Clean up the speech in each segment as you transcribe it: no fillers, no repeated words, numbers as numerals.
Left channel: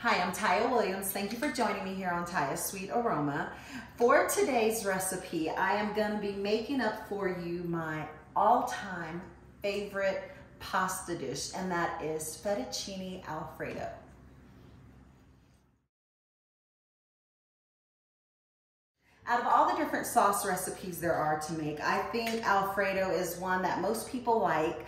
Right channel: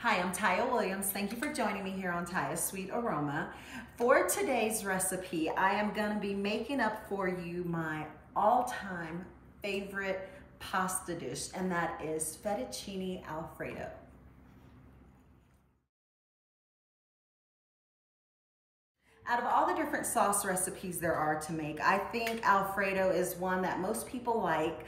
Hi, I'm Taya Williams. Thank you for joining me here on Taya's Sweet Aroma. For today's recipe, I am going to be making up for you my all-time favorite pasta dish, and that is Fettuccine Alfredo. Out of all the different sauce recipes there are to make, I think Alfredo is one that most people like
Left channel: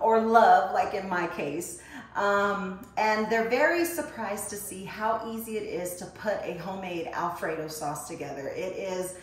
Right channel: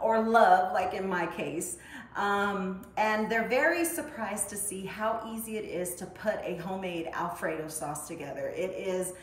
or love, like in my case. And they're very surprised to see how easy it is to put a homemade Alfredo sauce together. It is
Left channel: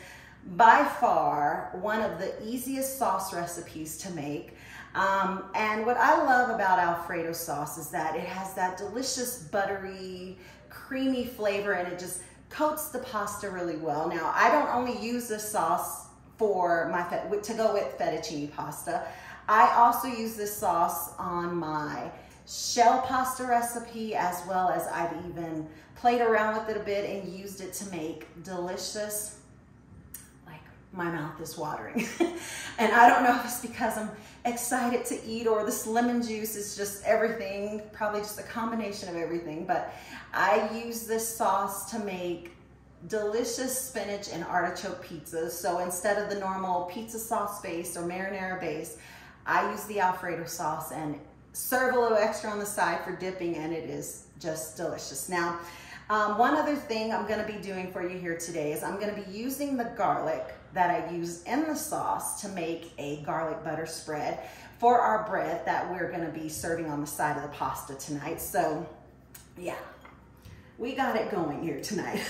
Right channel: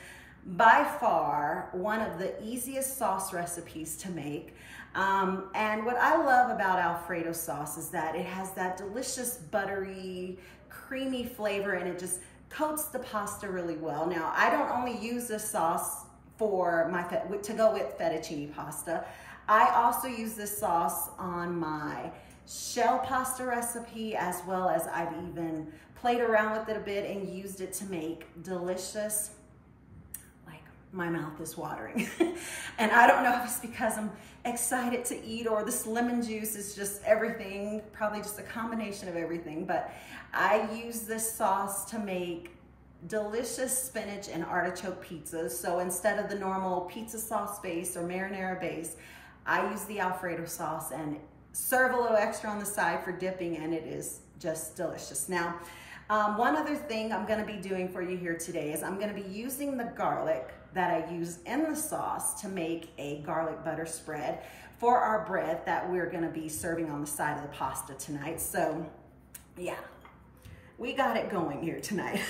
by far one of the easiest sauce recipes to make. And what I love about Alfredo sauce is that it has that delicious buttery, creamy flavor, and it just coats the pasta really well. Now, I don't only use this sauce for my to go with fettuccine pasta. I also use this sauce on my shell pasta recipe, as well as I've even played around with it a bit and used it to make delicious, like my mouth is watering. And I don't know if it's because I'm excited to eat or this lemon juice is just everything, probably just a combination of everything, but I use this sauce to make delicious spinach and artichoke pizzas. So instead of the normal pizza sauce base or marinara base, I use the Alfredo sauce and serve a little extra on the side for dipping, and it is just delicious. Now, one other thing I'm gonna be doing for you here today is I'm gonna be using the garlic that I use in the sauce to make a garlic butter spread for our bread that we're gonna be serving on the side of the pasta tonight. So yeah, we got it going here tonight.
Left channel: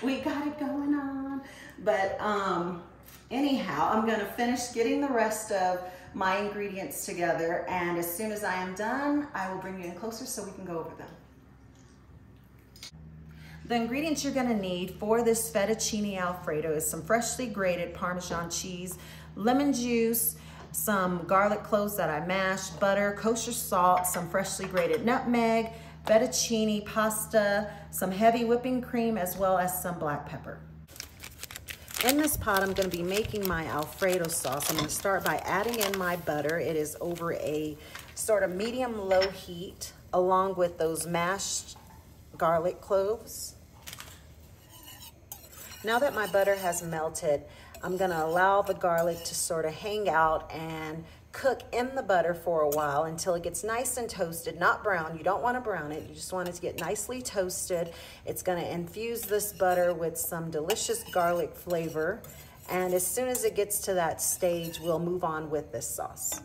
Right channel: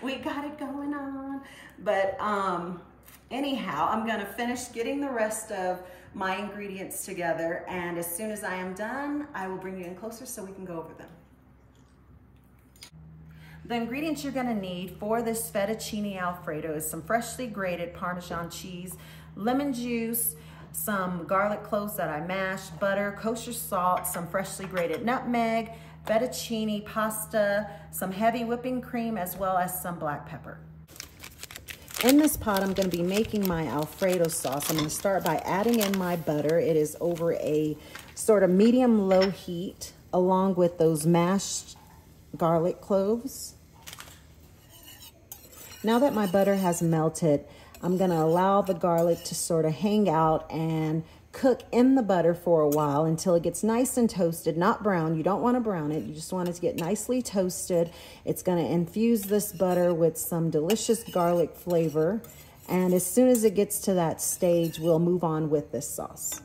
We got it going on. But anyhow, I'm gonna finish getting the rest of my ingredients together, and as soon as I am done, I will bring you in closer so we can go over them. The ingredients you're gonna need for this Fettuccine Alfredo is some freshly grated Parmesan cheese, lemon juice, some garlic cloves that I mashed, butter, kosher salt, some freshly grated nutmeg, fettuccine pasta, some heavy whipping cream, as well as some black pepper. In this pot, I'm going to be making my Alfredo sauce. I'm going to start by adding in my butter. It is over a sort of medium-low heat, along with those mashed garlic cloves. Now that my butter has melted, I'm going to allow the garlic to sort of hang out and cook in the butter for a while until it gets nice and toasted, not brown. You don't want to brown it. You just want it to get nicely toasted. It's going to infuse this butter with some delicious garlic flavor. And as soon as it gets to that stage, we'll move on with this sauce.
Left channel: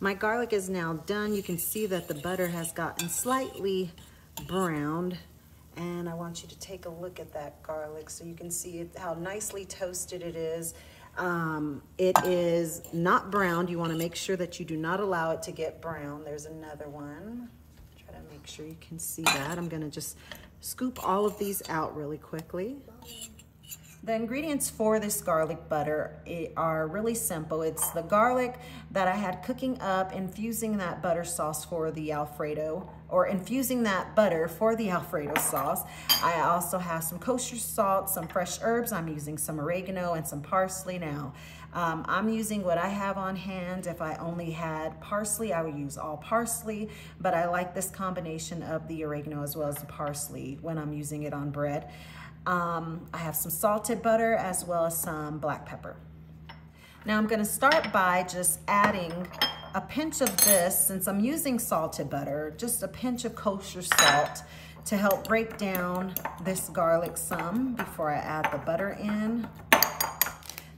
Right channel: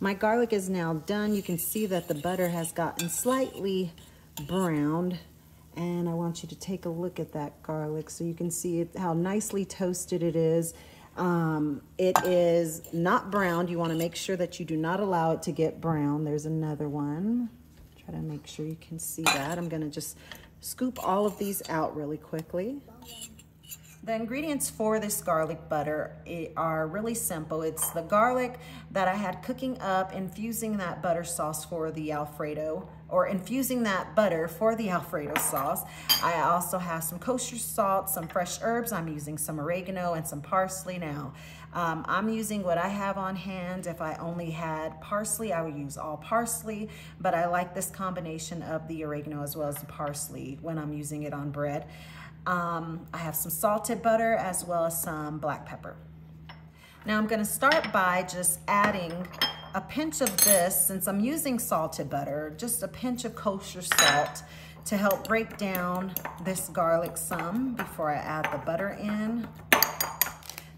My garlic is now done. You can see that the butter has gotten slightly browned. And I want you to take a look at that garlic so you can see how nicely toasted it is. It is not browned. You want to make sure that you do not allow it to get brown. There's another one. Try to make sure you can see that. I'm going to just scoop all of these out really quickly. The ingredients for this garlic butter are really simple. It's the garlic that I had cooking up, infusing that butter sauce for the Alfredo, or infusing that butter for the Alfredo sauce. I also have some kosher salt, some fresh herbs. I'm using some oregano and some parsley now. I'm using what I have on hand. If I only had parsley, I would use all parsley, but I like this combination of the oregano as well as the parsley when I'm using it on bread. I have some salted butter as well as some black pepper. Now I'm gonna start by just adding a pinch of this, since I'm using salted butter, just a pinch of kosher salt to help break down this garlic some before I add the butter in.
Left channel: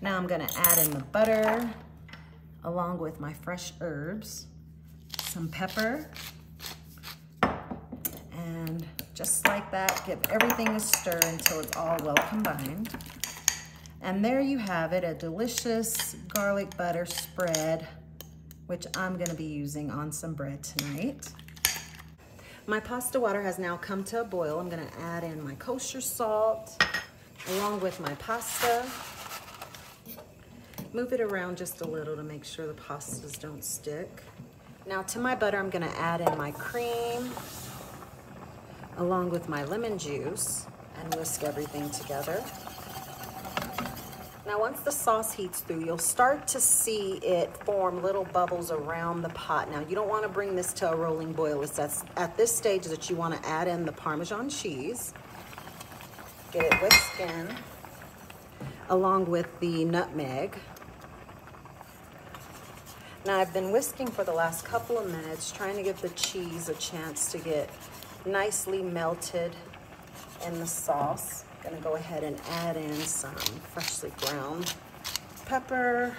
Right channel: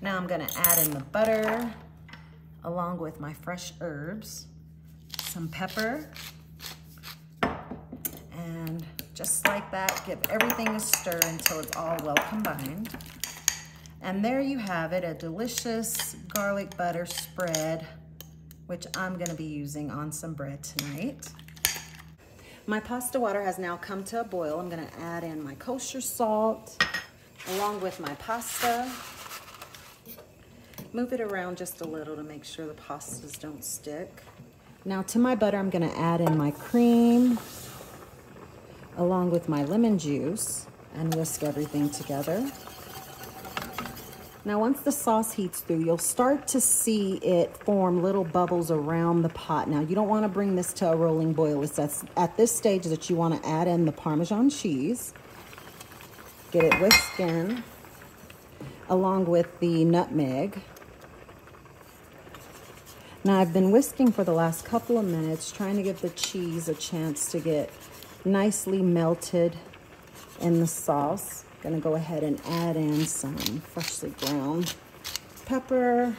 Now I'm gonna add in the butter along with my fresh herbs, some pepper, and just like that, give everything a stir until it's all well combined. And there you have it, a delicious garlic butter spread, which I'm gonna be using on some bread tonight. My pasta water has now come to a boil. I'm gonna add in my kosher salt along with my pasta. Move it around just a little to make sure the pastas don't stick. Now to my butter, I'm gonna add in my cream along with my lemon juice and whisk everything together. Now once the sauce heats through, you'll start to see it form little bubbles around the pot. Now you don't want to bring this to a rolling boil. It's at this stage that you want to add in the Parmesan cheese. Get it whisked in along with the nutmeg. Now I've been whisking for the last couple of minutes, trying to give the cheese a chance to get nicely melted in the sauce. I'm gonna go ahead and add in some freshly ground pepper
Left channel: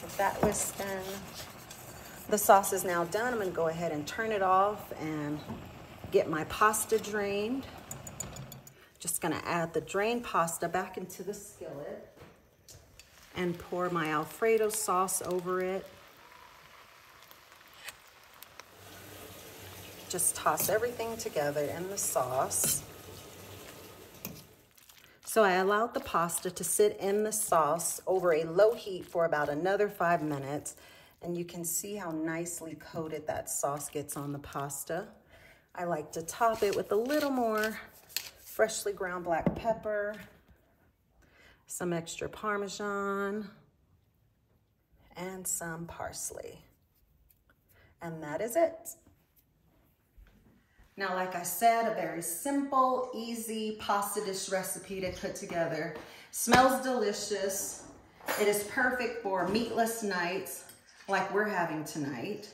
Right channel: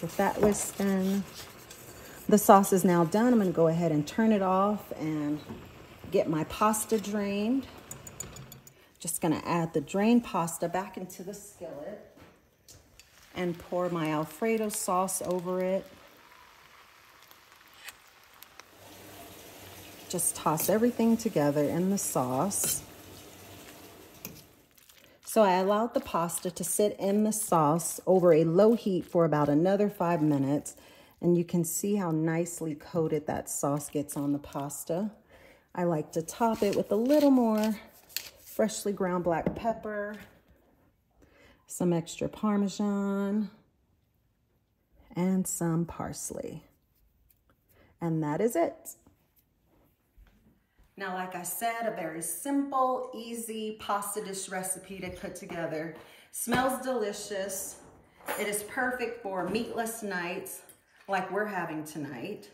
with that whisked in. The sauce is now done. I'm gonna go ahead and turn it off and get my pasta drained. Just gonna add the drained pasta back into the skillet and pour my Alfredo sauce over it. Just toss everything together in the sauce. So I allowed the pasta to sit in the sauce over a low heat for about another 5 minutes, and you can see how nicely coated that sauce gets on the pasta. I like to top it with a little more freshly ground black pepper, some extra Parmesan, and some parsley. And that is it. Now, like I said, a very simple, easy pasta dish recipe to put together. Smells delicious. It is perfect for meatless nights like we're having tonight.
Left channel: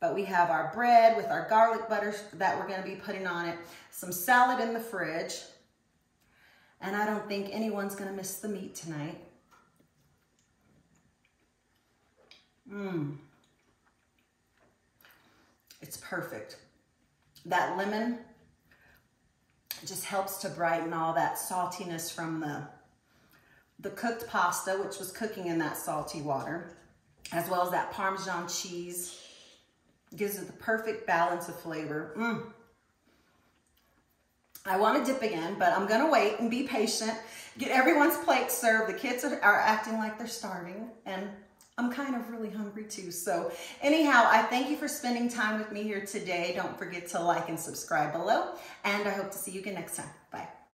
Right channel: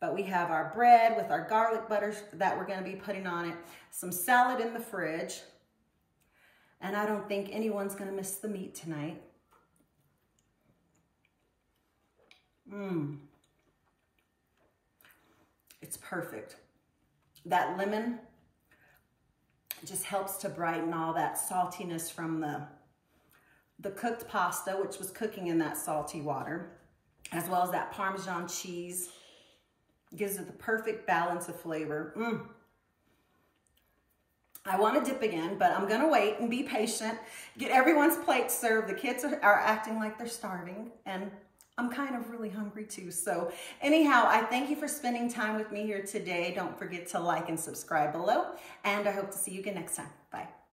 But we have our bread with our garlic butter that we're gonna be putting on it, some salad in the fridge, and I don't think anyone's gonna miss the meat tonight. It's perfect. That lemon just helps to brighten all that saltiness from the cooked pasta, which was cooking in that salty water, as well as that Parmesan cheese. Gives it the perfect balance of flavor. I want to dip again, but I'm gonna wait and be patient. Get everyone's plate served. The kids are acting like they're starving, and I'm kind of really hungry too. So anyhow, I thank you for spending time with me here today. Don't forget to like and subscribe below, and I hope to see you again next time. Bye.